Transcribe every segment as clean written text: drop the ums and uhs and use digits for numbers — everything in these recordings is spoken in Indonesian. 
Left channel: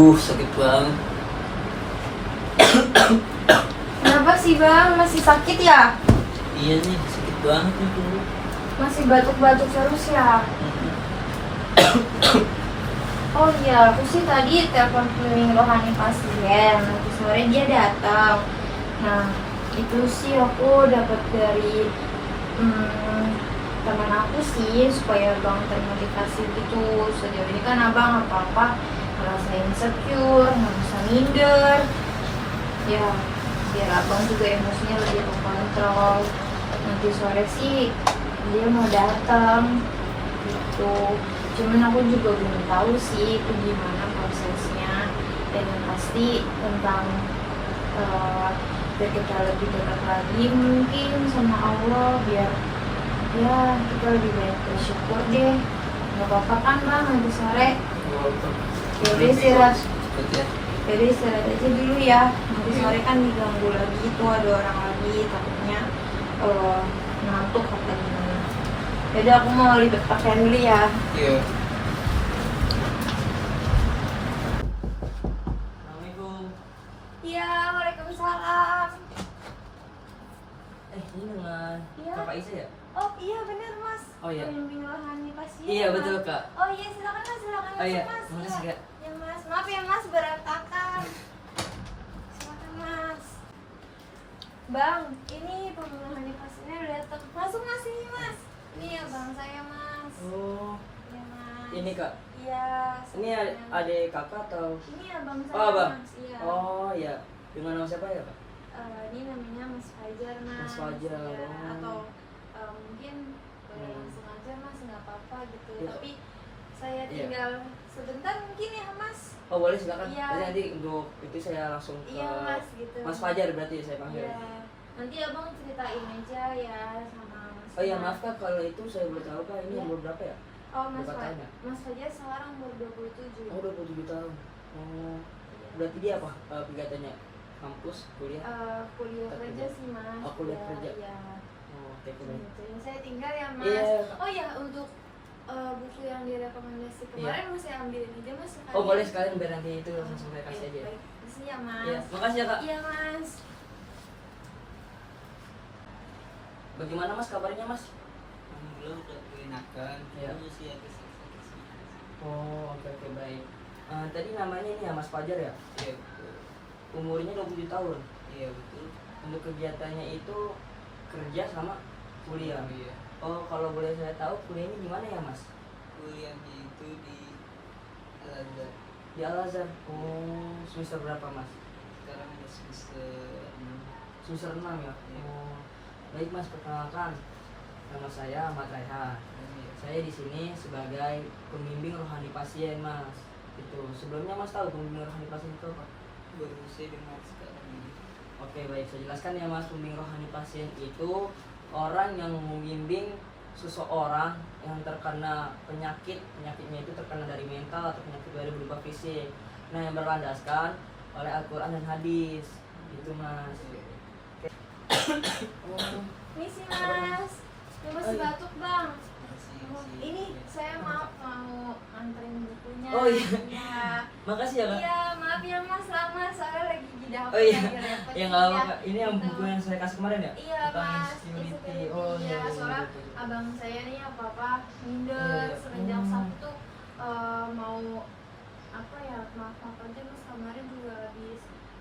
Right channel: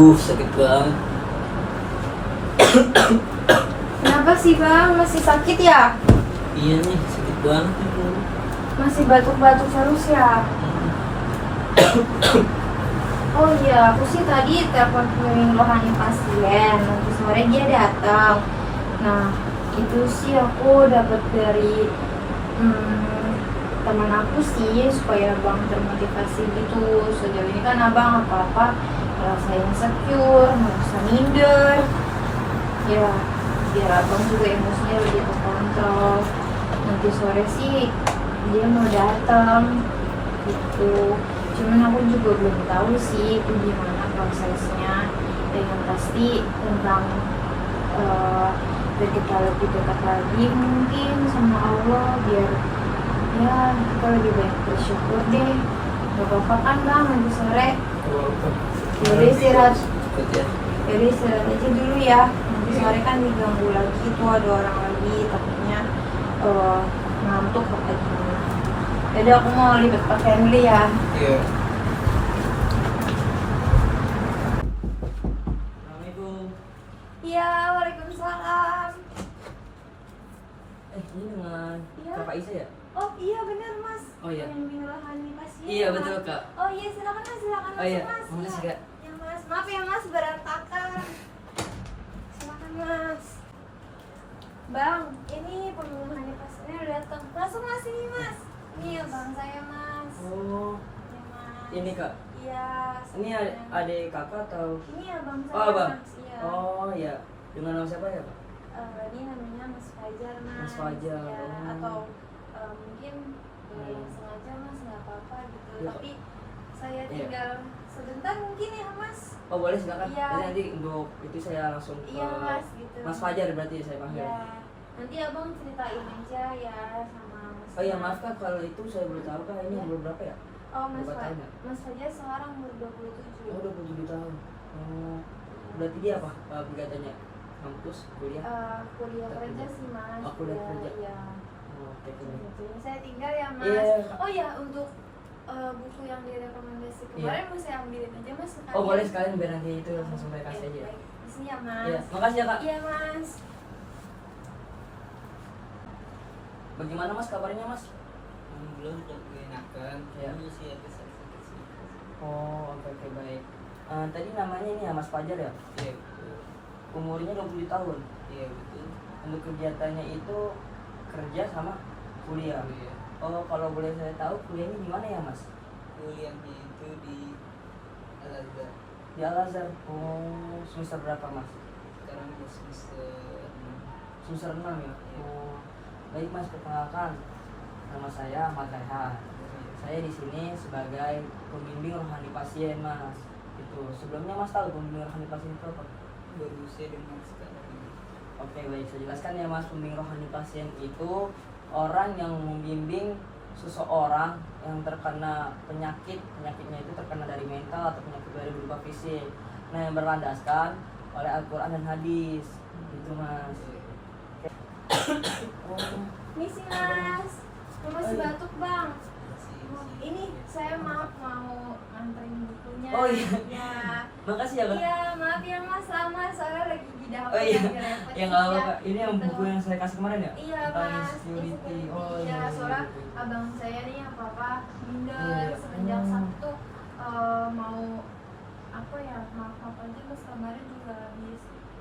Sakit banget. Kenapa sih bang? Masih sakit ya? Iya nih, sakit banget nih bro. Masih batuk-batuk terus ya? Oh iya, aku sih tadi telepon cleaning rohani pasien. Nanti sore dia datang. Nah, itu sih aku dapat dari teman aku sih supaya abang termotivasi gitu. Sejauh ini kan abang apa-apa merasa insecure, merasa minder. Ya, biar abang juga emosinya lebih terkontrol. Nanti sore sih dia mau datang gitu. Cuman aku juga belum tahu sih itu gimana prosesnya. Dan yang pasti tentang biar kita lebih dekat lagi mungkin sama Allah, biar ya kita lebih banyak bersyukur deh. Gak apa-apa kan bang nanti sore? Jadi istirahat. Jadi istirahat aja dulu ya. Nanti sore kan diganggu lagi tuh, ada orang lagi, takutnya ngantuk apa gimana. Jadi aku mau libet pakaian dulu ya. Iya. Assalamualaikum. Iya, waalaikumsalam. Ini dengan Iya. Kakak Isa ya? Oh iya benar mas. Oh, iya. Pembimbing rohani pasien. Iya, Mas. betul, Kak. Oh iya silakan mas, silakan Oh, iya. masuk, mas. Makasih, Iya. Kak. Ya mas, maaf ya mas berantakan. Silakan mas. Bang, ini pembimbing rohani pasiennya udah datang. Masuk mas ini mas. Ini ya bang saya mas. Oh, Ya mas. ini Kak. Iya. Ini adik Kakak atau? Ini ya bang saya Oh, Abang. mas. Iya. Oh, iya. Dengan nama siapa ya, Kak? Ini namanya Mas Fajar mas. Mas Fajar, Ya, oh. atau mungkin langsung aja mas, nggak apa-apa gitu. Iya. Tapi saya Iya. tinggal sebentar mungkin ya mas. Oh, boleh silakan. Iya. Nanti untuk itu saya langsung ke Iya mas gitu. Mas Fajar berarti saya panggil. Iya. Nanti abang ceritain aja ya sama mas. Oh iya, maaf Kak, kalau itu saya belum tahu Kak, ini Iya. umur berapa ya? Oh mas Berapa tahun ya? Mas Fajar sekarang umur 27. Oh, 27 tahun. Oh, berarti dia apa kegiatannya? Kampus, kuliah? Kuliah kerja sih mas. Oh, kuliah Ya, kerja. ya. Oh, oke, oke. Gitu. Ini saya tinggal ya mas. Iya. Oh ya untuk buku yang direkomendasi kemarin mau saya ambilin aja mas sekalian. Oh, boleh sekalian biar nanti itu langsung saya kasih Oke, aja. baik. Makasih ya mas. Iya, makasih ya Kak. Iya mas. Bagaimana Mas kabarnya Mas? Belum udah enakan, Iya. cuma sih ada sakit-sakit sih. Oh, oke, oke, baik. Tadi namanya ini ya Mas Fajar ya? Iya betul, Umurnya 27 tahun. iya betul. Untuk kegiatannya itu kerja sama kuliah. Iya. Oh, kalau boleh saya tahu kuliahnya di mana ya Mas? Kuliahnya itu di Al Azhar. Di Al Azhar. Oh, semester berapa Mas? Sekarang udah semester 6. Semester 6 ya? Iya. Oh, baik Mas, perkenalkan. Nama saya Ahmad Raihan. Saya di sini sebagai pembimbing rohani pasien Mas. Itu sebelumnya Mas tahu pembimbing rohani pasien itu apa? Baru saya dengar sekarang ini. Oke, baik, saya jelaskan ya Mas. Pembimbing rohani pasien itu orang yang membimbing seseorang yang terkena penyakitnya itu terkena dari mental atau penyakit dari berupa fisik. Nah, yang berlandaskan oleh Al-Quran dan hadis. Itu Mas. Oh, Ini sih mas. Ini masih iya. batuk bang. Masih- Ini saya maaf mau nganterin bukunya. Oh, iya. Ya. makasih ya Kak. Iya maaf ya mas, lama soalnya lagi di dapur. Oh iya, repot ya nggak apa ya. Kak. Ini yang Gitu. buku yang saya kasih kemarin ya? Iya Tentang mas, insecurity. insecurity. Oh Iya, iya. soalnya iya. abang saya nih apa-apa Oh, minder iya. semenjak Hmm. Sabtu mau apa ya, maaf aja terus kemarin juga habis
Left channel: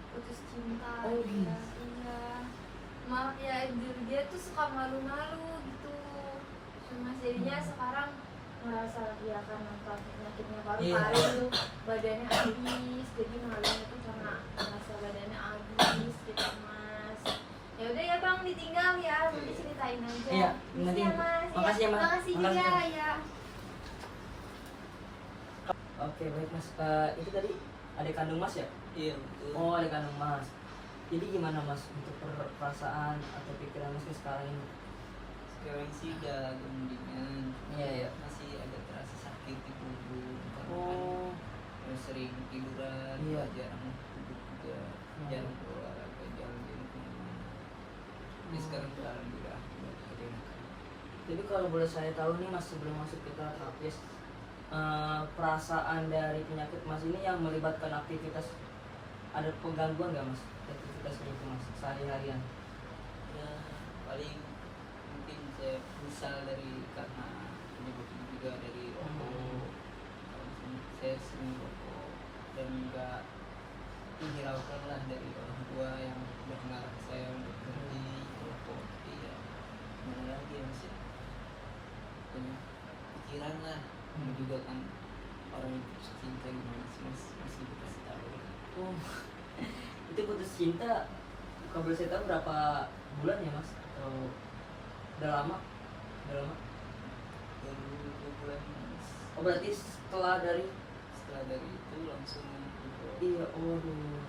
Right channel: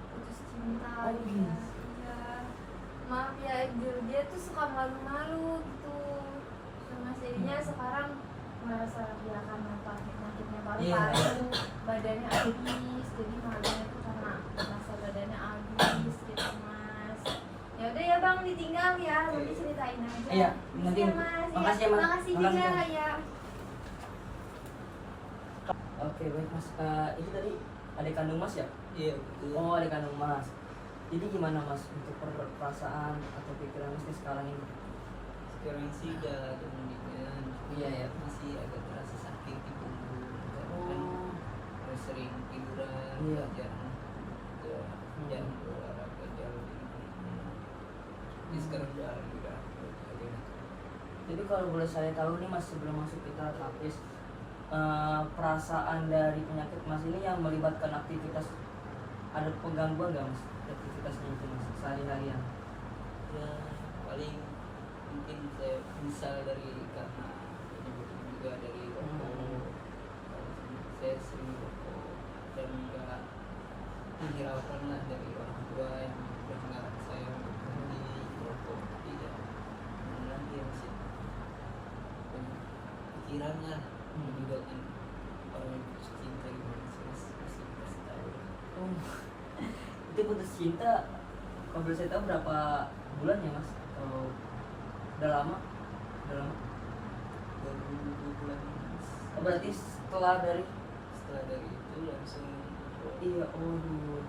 putus cinta. Oh, gitu. iya. Iya. Maaf ya, dia tuh suka malu-malu gitu. Mas jadinya sekarang merasa dia akan nampak penyakitnya baru Iya. kemarin tuh badannya habis, jadi malunya tuh karena merasa badannya habis gitu mas. Ya udah ya bang, ditinggal ya, nanti ceritain aja. Iya, nanti. ya mas. Makasih ya, Mas. Makasih Makasih, juga Mas. ya. Oke, baik Mas. Itu tadi adik kandung Mas ya? Iya betul. Oh, adik kandung Mas. Jadi gimana Mas untuk perasaan atau pikiran Mas sekarang ini? Sekarang sih udah agak mendingan. Iya, iya. Masih agak terasa sakit di punggung. Karena Oh, kan sering tiduran, Iya. jarang udah jarang berolahraga, jarang jadi kemana. Jadi sekarang udah alhamdulillah udah enak. jadi kalau boleh saya tahu nih Mas, sebelum masuk kita terapis, perasaan dari penyakit mas ini yang melibatkan aktivitas, ada penggangguan nggak mas aktivitasnya itu mas sehari-harian? Ya paling mungkin saya misal dari karena penyebab juga dari rokok. Saya sering rokok dan juga dihiraukan lah dari orang tua yang sudah melarang saya untuk berhenti rokok. Tapi ya gimana lagi ya masih punya pikiran lah. Juga kan orang putus cinta gimana sih mas, masih kasih tahu. Oh, itu putus cinta kalau boleh saya tahu berapa bulan ya mas? Atau udah lama? Udah lama? Baru 2 bulan mas. Oh berarti setelah dari Setelah dari itu langsung iya, waduh,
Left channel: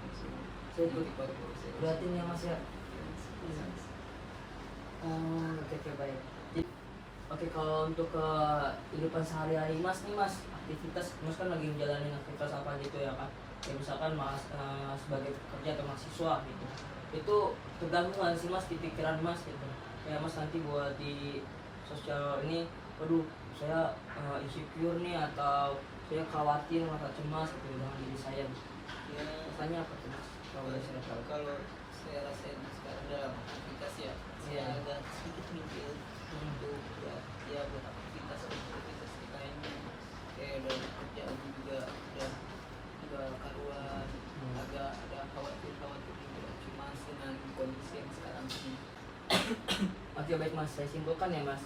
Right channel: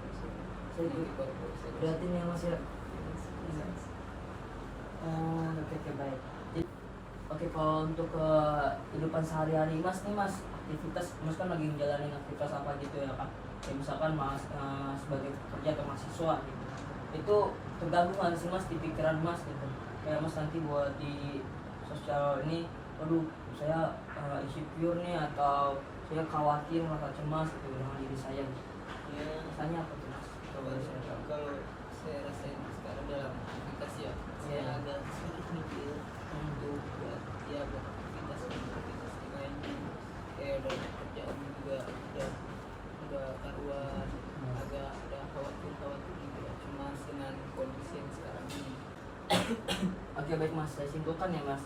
langsung saya nanti baru saya berarti nih ya mas ya. Iya. Oh, oke baik. Oke, kalau untuk kehidupan sehari-hari mas nih mas, aktivitas mas kan lagi menjalani aktivitas apa gitu ya kan? Ya misalkan mas sebagai pekerja atau mahasiswa gitu, itu terganggu nggak sih mas di pikiran mas gitu? Kayak mas nanti buat di sosial ini, waduh saya insecure nih atau saya khawatir merasa cemas gitu dengan diri saya gitu. Ya, Tanya apa tuh mas? Kalau boleh saya tahu. kalau saya rasain sekarang dalam aktivitas ya, saya Iya. agak sedikit mikir untuk buat ya buat aktivitas lainnya. Kayak dalam pekerjaan juga udah karuan, agak ada khawatir juga cemas dengan kondisi yang sekarang ini. Oke baik mas, saya simpulkan ya mas.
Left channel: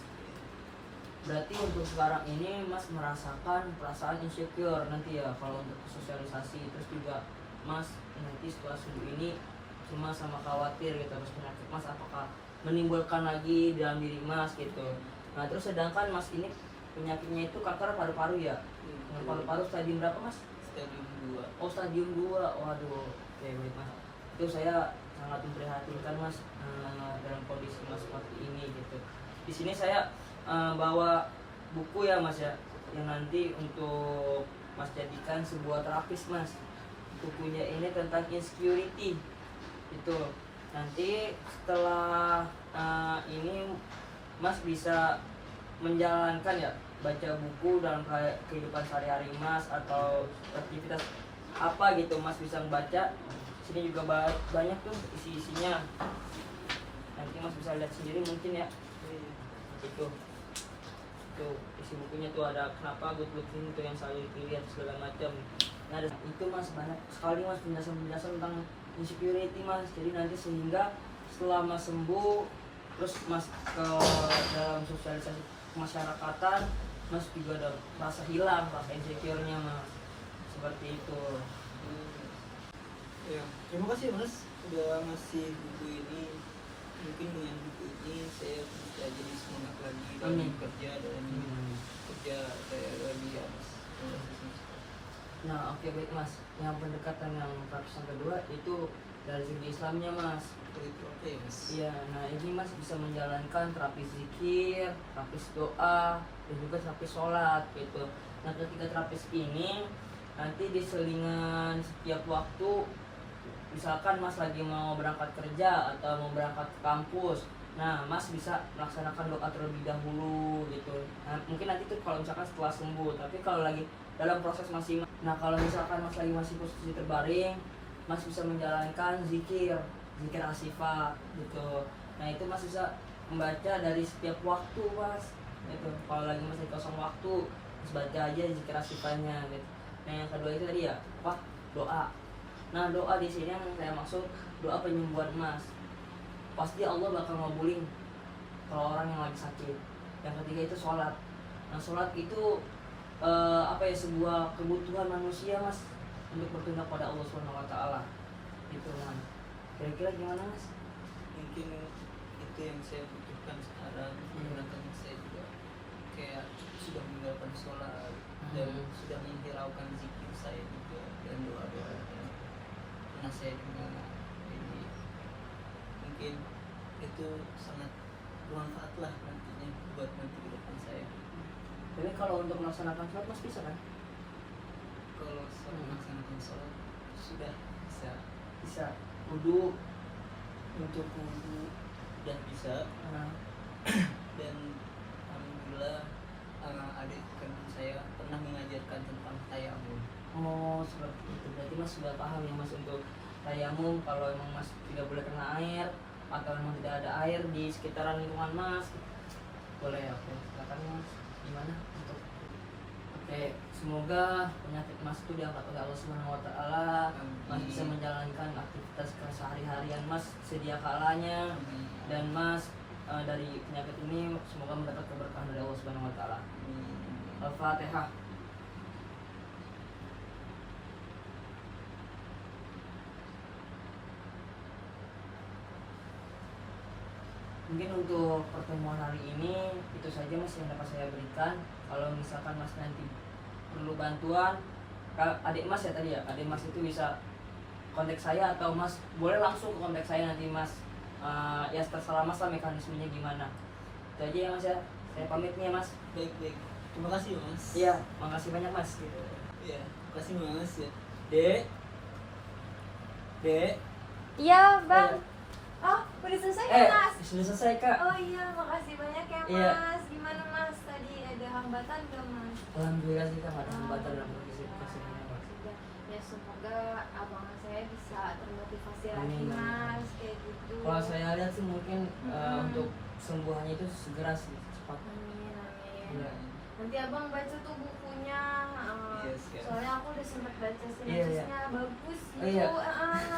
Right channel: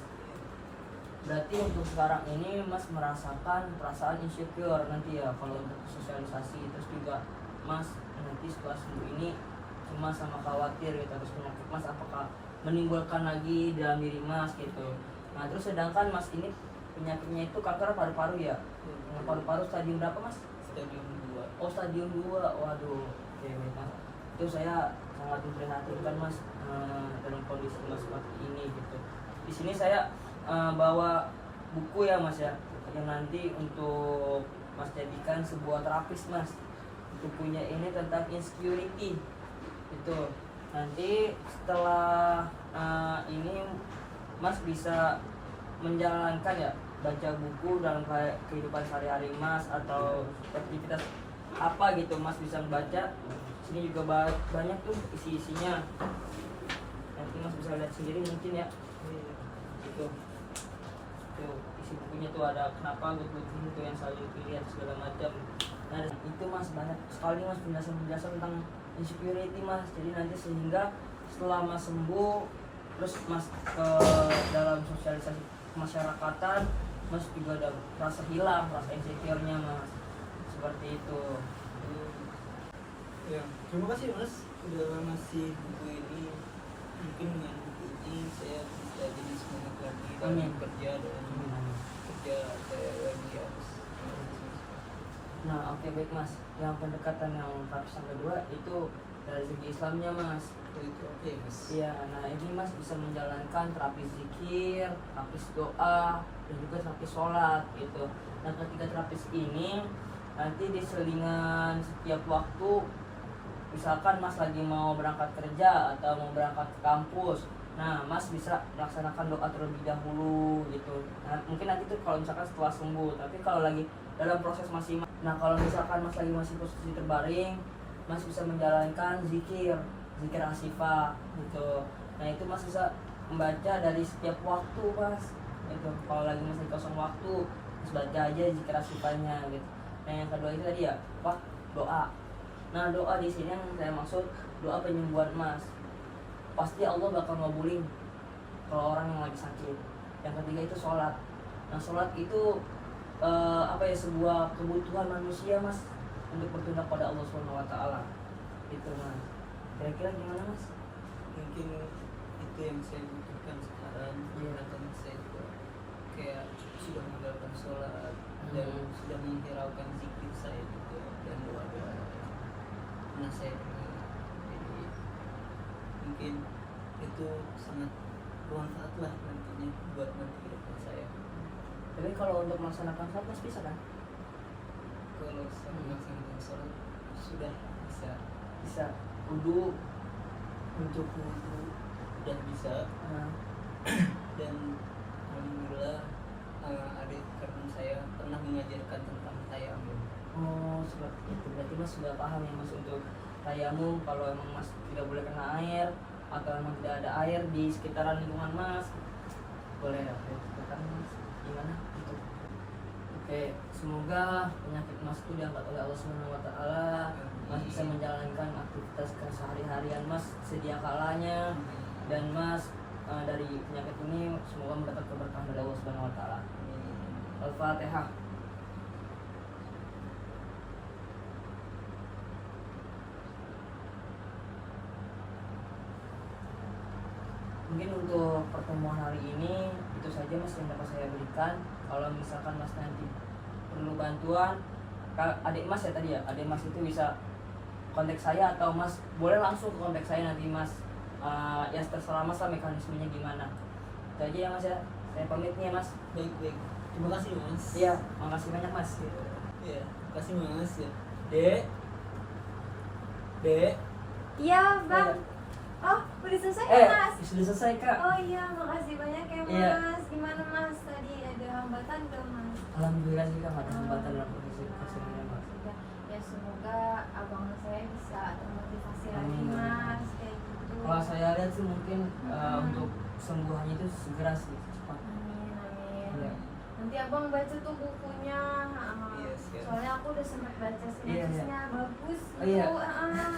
Berarti untuk sekarang ini mas merasakan perasaan insecure nanti ya kalau untuk sosialisasi, terus juga mas nanti setelah sembuh ini cemas sama khawatir gitu, terus penyakit mas apakah menimbulkan lagi dalam diri mas gitu. Nah terus sedangkan mas ini penyakitnya itu kanker paru-paru ya. Nah, paru-paru stadium berapa mas? Stadium 2. Oh stadium 2, waduh. Oke baik mas, itu saya sangat memprihatinkan mas dalam kondisi mas seperti ini gitu. Di sini saya bawa buku ya mas ya, yang nanti untuk mas jadikan sebuah terapis mas. Bukunya ini tentang insecurity itu. Nanti setelah ini mas bisa menjalankan ya, baca buku dalam kehidupan sehari-hari mas atau aktivitas apa gitu mas bisa membaca. Sini juga banyak tuh isi-isinya, nanti mas bisa lihat sendiri mungkin ya. Itu isi bukunya tuh ada kenapa good ini tuh yang selalu dipilih atau segala macam. Nah itu mas banyak sekali mas penjelasan tentang insecurity mas. Jadi nanti sehingga setelah mas sembuh terus mas ke dalam sosialisasi kemasyarakatan, mas juga ada rasa hilang rasa insecure-nya mas, seperti itu. Ya, terima kasih mas udah ngasih buku ini. Mungkin dengan buku ini saya bisa jadi semangat lagi dalam kerja dan kerja saya lagi harus. Nah oke baik mas, yang pendekatan yang terapis yang kedua itu dari segi Islamnya mas. Itu oke mas. Iya, nah ini mas bisa menjalankan terapis zikir, terapis doa, dan juga terapis sholat gitu. Nah ketika terapis ini nanti diselingan setiap waktu, misalkan mas lagi mau berangkat kerja atau mau berangkat ke kampus, nah mas bisa melaksanakan doa terlebih dahulu gitu. Nah mungkin nanti tuh kalau misalkan setelah sembuh, tapi kalau lagi dalam proses masih, nah kalau misalkan mas lagi masih posisi terbaring, mas bisa menjalankan zikir asifah gitu. Nah itu mas bisa membaca dari setiap waktu mas itu. Kalau lagi mas lagi kosong waktu, mas baca aja zikir asifahnya gitu. Nah yang kedua itu tadi ya apa, doa. Nah doa di sini yang saya maksud doa penyembuhan mas. Pasti Allah bakal ngabulin kalau orang yang lagi sakit. Yang ketiga itu sholat. Nah sholat itu apa ya, sebuah kebutuhan manusia mas untuk bertunduk pada Allah SWT itu mas. Kira-kira gimana mas? Mungkin itu yang saya butuhkan sekarang. Iya. Karena saya juga kayak sudah meninggalkan sholat dan sudah menghiraukan zikir saya juga dan doa-doa karena saya juga. Jadi mungkin itu sangat bermanfaat lah nantinya buat nanti ke depan saya. Tapi kalau untuk melaksanakan sholat mas bisa kan? Kalau saya melaksanakan sholat sudah bisa. Bisa. Wudhu. Untuk wudhu udah bisa. Nah, Dan alhamdulillah adik teman saya pernah mengajarkan tentang tayamum. Oh seperti itu, berarti mas sudah paham ya mas untuk tayamum. Kalau emang mas tidak boleh kena air atau emang tidak ada air di sekitaran lingkungan mas, boleh. Oke, silakan mas, gimana untuk oke, semoga penyakit mas itu diangkat oleh Allah Subhanahu Wa Taala. Mas bisa menjalankan aktivitas kesehari-harian mas sedia kalanya, dan mas dari penyakit ini semoga mendapat keberkahan dari Allah Subhanahu Wa Taala. Al-Fatihah. Mungkin untuk pertemuan hari ini itu saja mas yang dapat saya berikan. Kalau misalkan mas nanti perlu bantuan, adik mas ya tadi ya, adik mas itu bisa kontak saya atau mas boleh langsung ke kontak saya nanti mas. Ya terserah mas lah mekanismenya gimana. Itu aja ya mas ya. Saya pamit nih ya mas. Baik. Terima kasih mas. Iya, makasih banyak mas. Iya, terima kasih mas ya. Dek. Dek. Iya bang. Oh udah selesai ya mas? Sudah selesai kak. Oh iya, makasih banyak ya Iya. mas. Gimana mas? Tadi ada hambatan gak mas? Alhamdulillah sih kak, ada hambatan dalam kondisi ini mas. Ya semoga abang saya bisa termotivasi lagi Amin. mas, kayak gitu. Kalau saya lihat sih mungkin untuk sembuhannya itu segera sih, cepat. Amin. Iya. Nanti abang baca tuh bukunya. Iya, siap. Soalnya aku udah sempat baca Iya, sinopsisnya, bagus Oh, gitu. iya.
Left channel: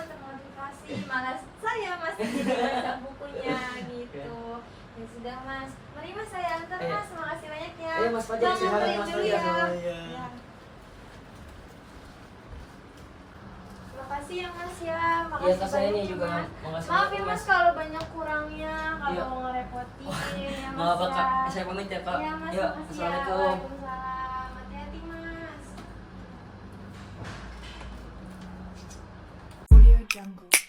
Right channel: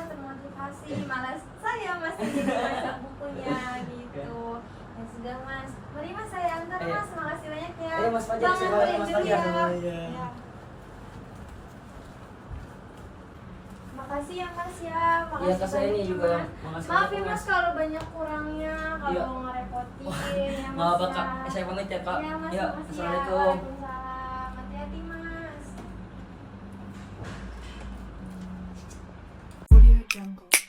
Termotivasi. Malas saya masih baca bukunya gitu. Ya sudah mas. Mari mas saya antar Iya. mas. Makasih banyak ya. Iya, Mas Fajar, Bang, silakan, anterin Mas dulu Fajar. ya. Iya. Ya. Makasih ya mas ya. Makasih Iya, Kak, saya banyak ini ya, juga Mas. yang makasih Maaf banyak, ya mas Mas. kalau banyak kurangnya, kalau Iya. mau ngerepotin ya mas. Maaf ya. kak, saya pamit ya kak. Iya mas, Ya, makasih ya. assalamualaikum. Waalaikumsalam. Hati-hati mas. Audio Jungle.